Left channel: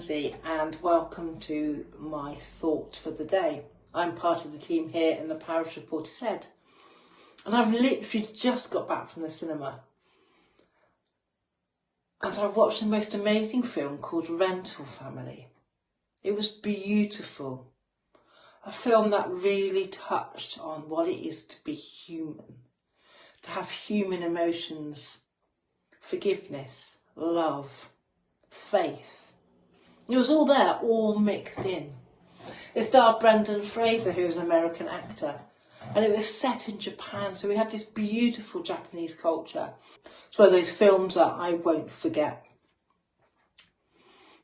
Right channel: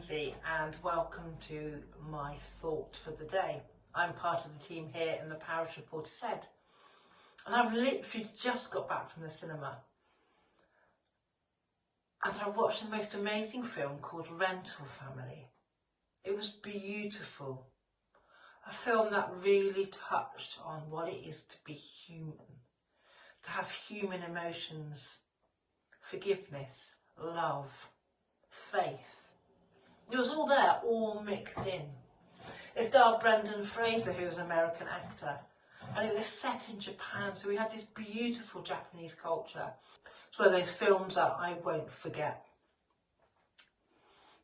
Lindsay and welcome to my thought for the day. I'm part of the team here in the parish of Portishead and I've literally just got back from the cinema and I watched the most amazing film called Rental Family. It was beautiful, a film that really touched on what it is to be human, to have human emotions, forgiveness, love, faith. It was all there, all mixed in. It starred Brendan Fraser, who was an American actor, and it was set in Japan, so we had this beautiful Japanese culture. It's one of those films that I won't forget.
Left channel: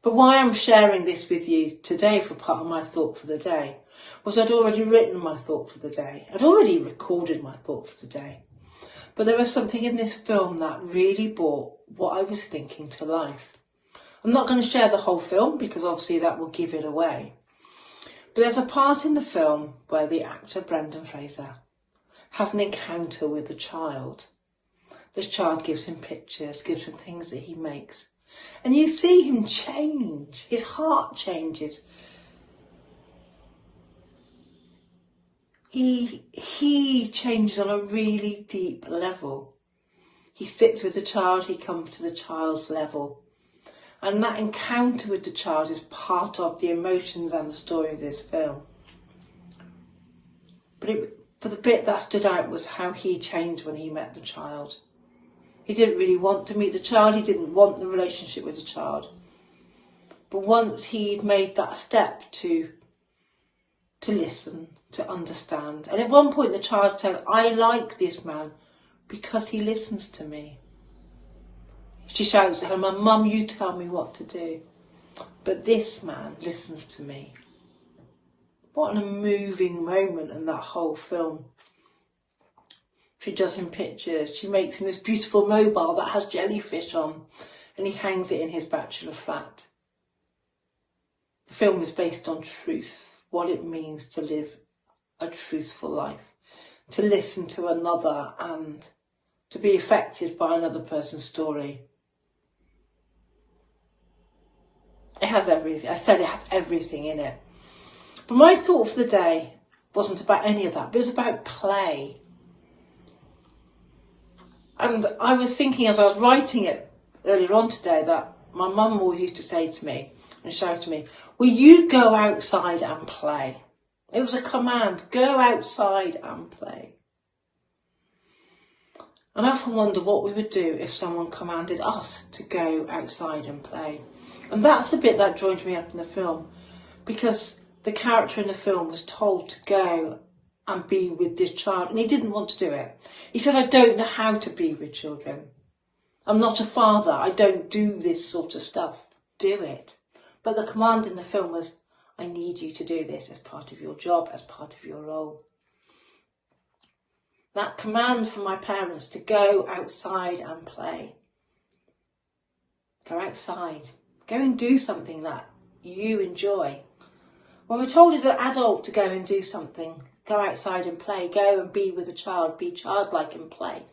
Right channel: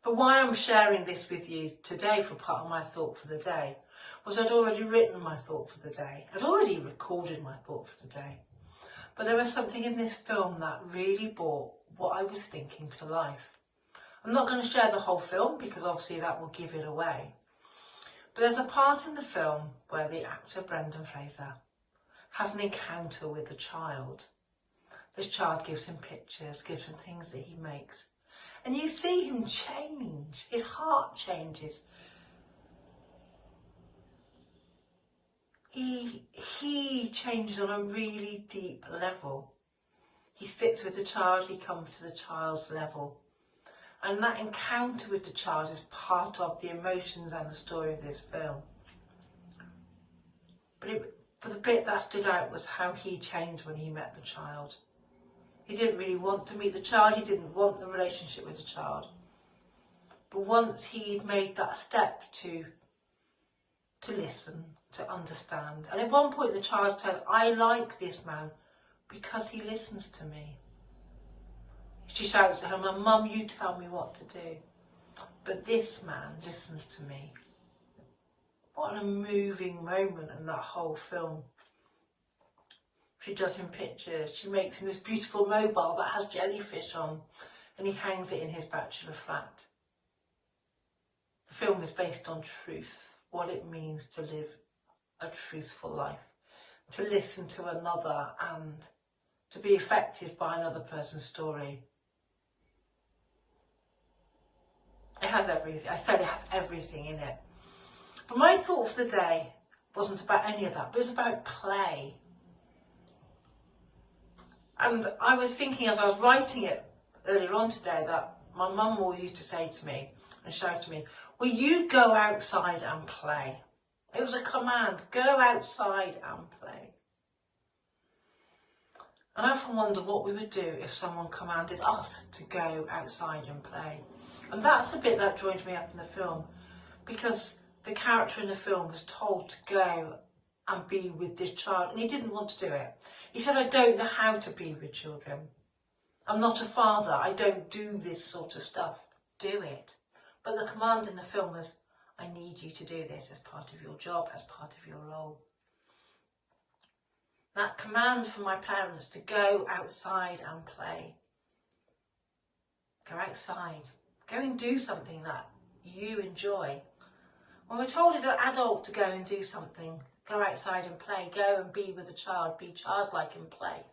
But why I'm sharing this with you today for part of my thought for the day was I'd already written my thought for the day. I'd already recorded my thought for the day. But there was something in this film that really brought what I was thinking to life. I'm not going to share the whole film because obviously that will give it away. But there's a part in the film where the actor Brendan Fraser has an encounter with a child. This child gives him pictures, gives him things that he makes. And you see him change. His heart changes. He changes on a really deep level. He sits with the child, he comes to the child's level. And that encounter with the child is part of the emotions and the story of this film. But the bit that stood out was how he changed when he met the child. He didn't really want to meet the child, he didn't want the relationship with the child. But once he'd made that step to listen, to understand. And at one point the child said, I like this man because he listens to me. She shouts at her mum, Mum, you tell me what to do. But this man listens to me. What a moving moment in that whole film. She does him pictures. She makes him this beautiful mobile that has jellyfish on. And he hangs it in his bachelor flat. The film is based on truth. What it means to live a truthful life. To listen to another and to be affected by another person's story. It has everything. I said it has everything in it. But my thought for the day wasn't about any of that, but it was about play. And I was thinking as I was writing it earlier on today that my mum always used to say to me and shout to me, will you go outside and play? It was a command, go outside and play. And I often wonder what we would do if someone commanded us to go outside and play. And that's the bit that joined me up in the film, because the character in the film was told to go and be with this child, and he didn't want to do it. He said, I don't know how to be with children. I'm not a father. I don't do this sort of stuff. Do it. But the command in the film was, I need you to do this as part of your job, as part of your role. That command from my parents to go outside and play. Go outside. Go and do something that you enjoy. When we're told as an adult to go and do something, go outside and play, go and be with a child, be childlike and play,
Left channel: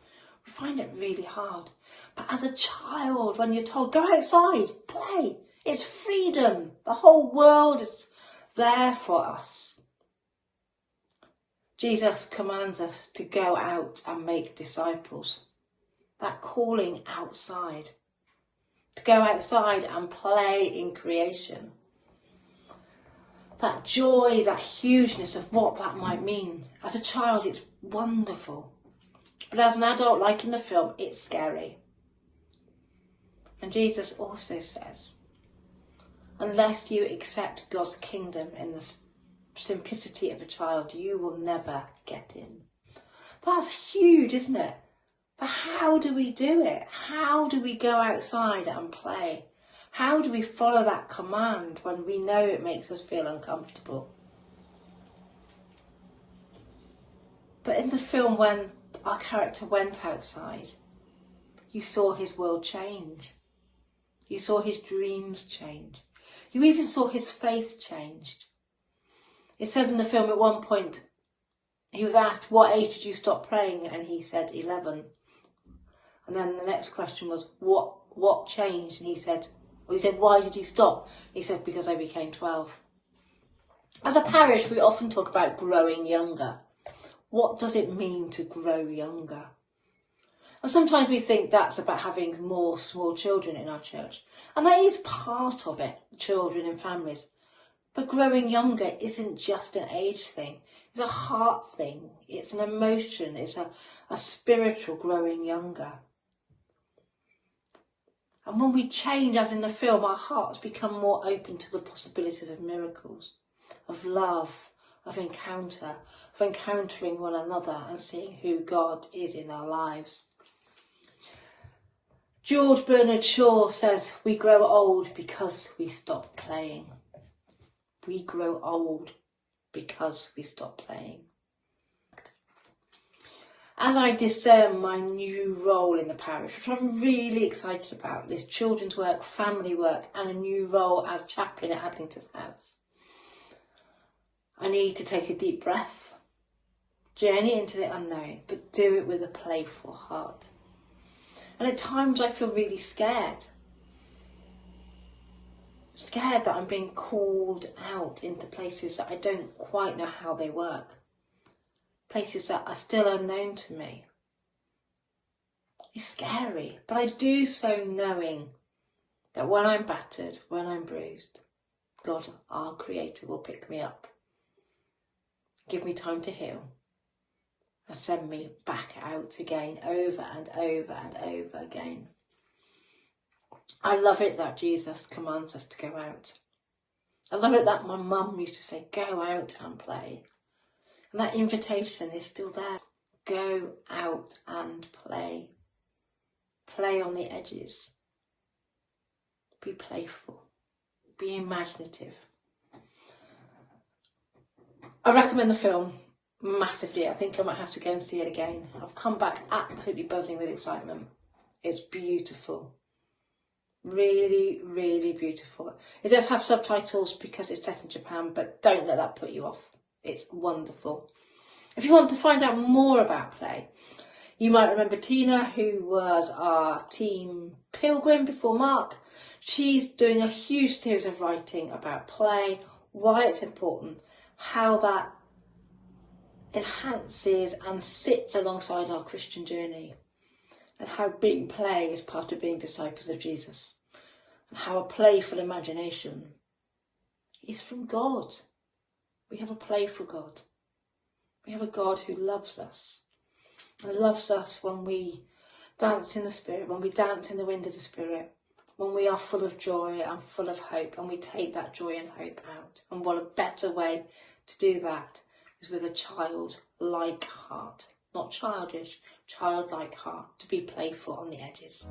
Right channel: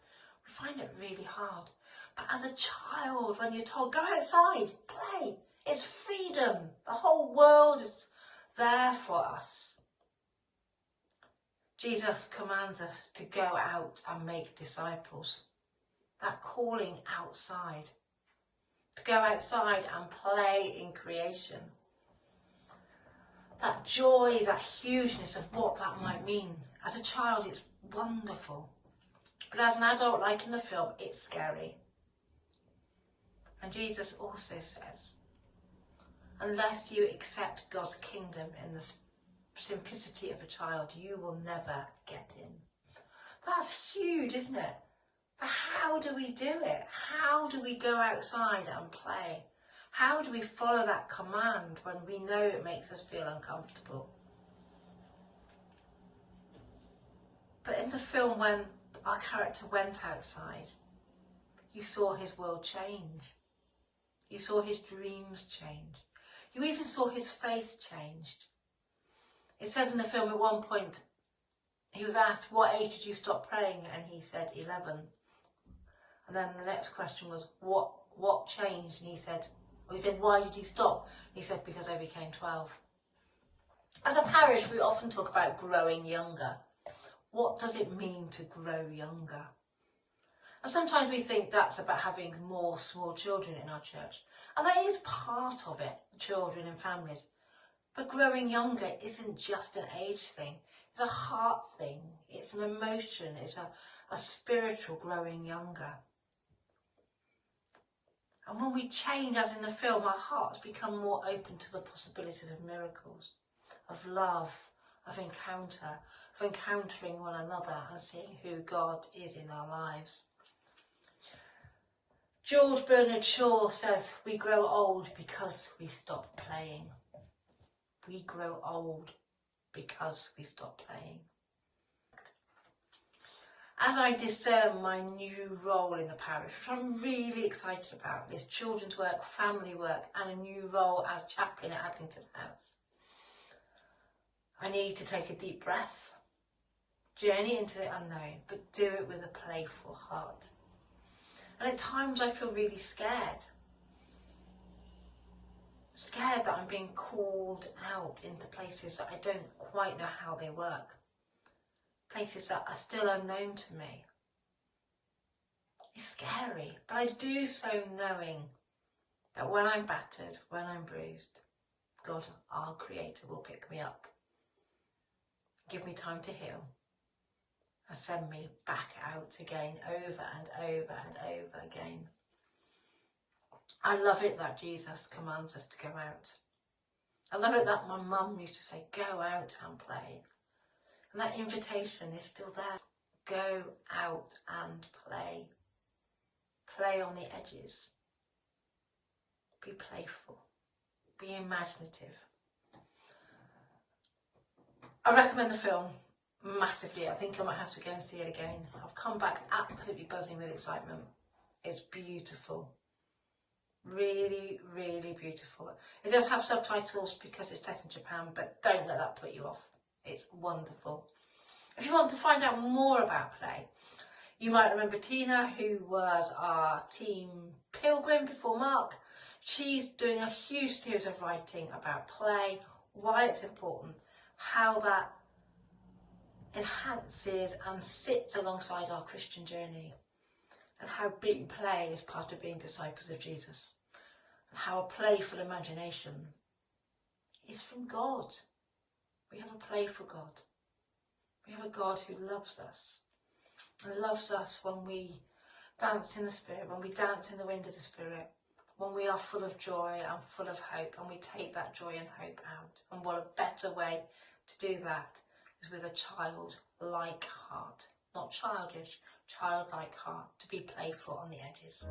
we find it really hard. But as a child, when you're told, go outside, play, it's freedom. The whole world is there for us. Jesus commands us to go out and make disciples. That calling outside. To go outside and play in creation. That joy, that hugeness of what that might mean. As a child, it's wonderful. But as an adult, like in the film, it's scary. And Jesus also says, unless you accept God's kingdom in the simplicity of a child, you will never get in. That's huge, isn't it? But how do we do it? How do we go outside and play? How do we follow that command when we know it makes us feel uncomfortable? But in the film, when our character went outside, you saw his world change. You saw his dreams change. You even saw his faith changed. It says in the film at one point, he was asked, what age did you stop praying? And he said 11. And then the next question was, what changed? And he said, He said, why did you stop? He said, because I became 12. As a parish, we often talk about growing younger. What does it mean to grow younger? And sometimes we think that's about having more small children in our church. And that is part of it, children and families. But growing younger isn't just an age thing. It's a heart thing. It's an emotion. It's a spiritual growing younger. And when we change, as in the film, our hearts become more open to the possibilities of miracles, of love, of encounter, of encountering one another and seeing who God is in our lives. George Bernard Shaw says, we grow old because we stop playing. We grow old because we stop playing. As I discern my new role in the parish, which I'm really excited about, this children's work, family work, and a new role as chaplain at Adlington House, I need to take a deep breath, journey into the unknown, but do it with a playful heart. And at times I feel really scared. Scared that I'm being called out into places that I don't quite know how they work. Places that are still unknown to me. It's scary, but I do so knowing that when I'm battered, when I'm bruised, God, our Creator, will pick me up, give me time to heal, and send me back out again, over and over and over again. I love it that Jesus commands us to go out. I love it that my mum used to say, go out and play. And that invitation is still there. Go out and play. Play on the edges. Be playful. Be imaginative. I recommend the film massively. I think I might have to go and see it again. I've come back absolutely buzzing with excitement. It's beautiful. Really, really beautiful. It does have subtitles because it's set in Japan, but don't let that put you off. It's wonderful. If you want to find out more about play, you might remember Tina, who was our team pilgrim before Mark. She's doing a huge series of writing about play, why it's important, how that enhances and sits alongside our Christian journey, and how being play is part of being disciples of Jesus, and how a playful imagination is from God. We have a playful God. We have a God who loves us, and loves us when we dance in the Spirit, when we dance in the wind of the Spirit, when we are full of joy and full of hope, and we take that joy and hope out. And what a better way to do that is with a childlike heart, not childish, childlike heart, to be playful on the edges.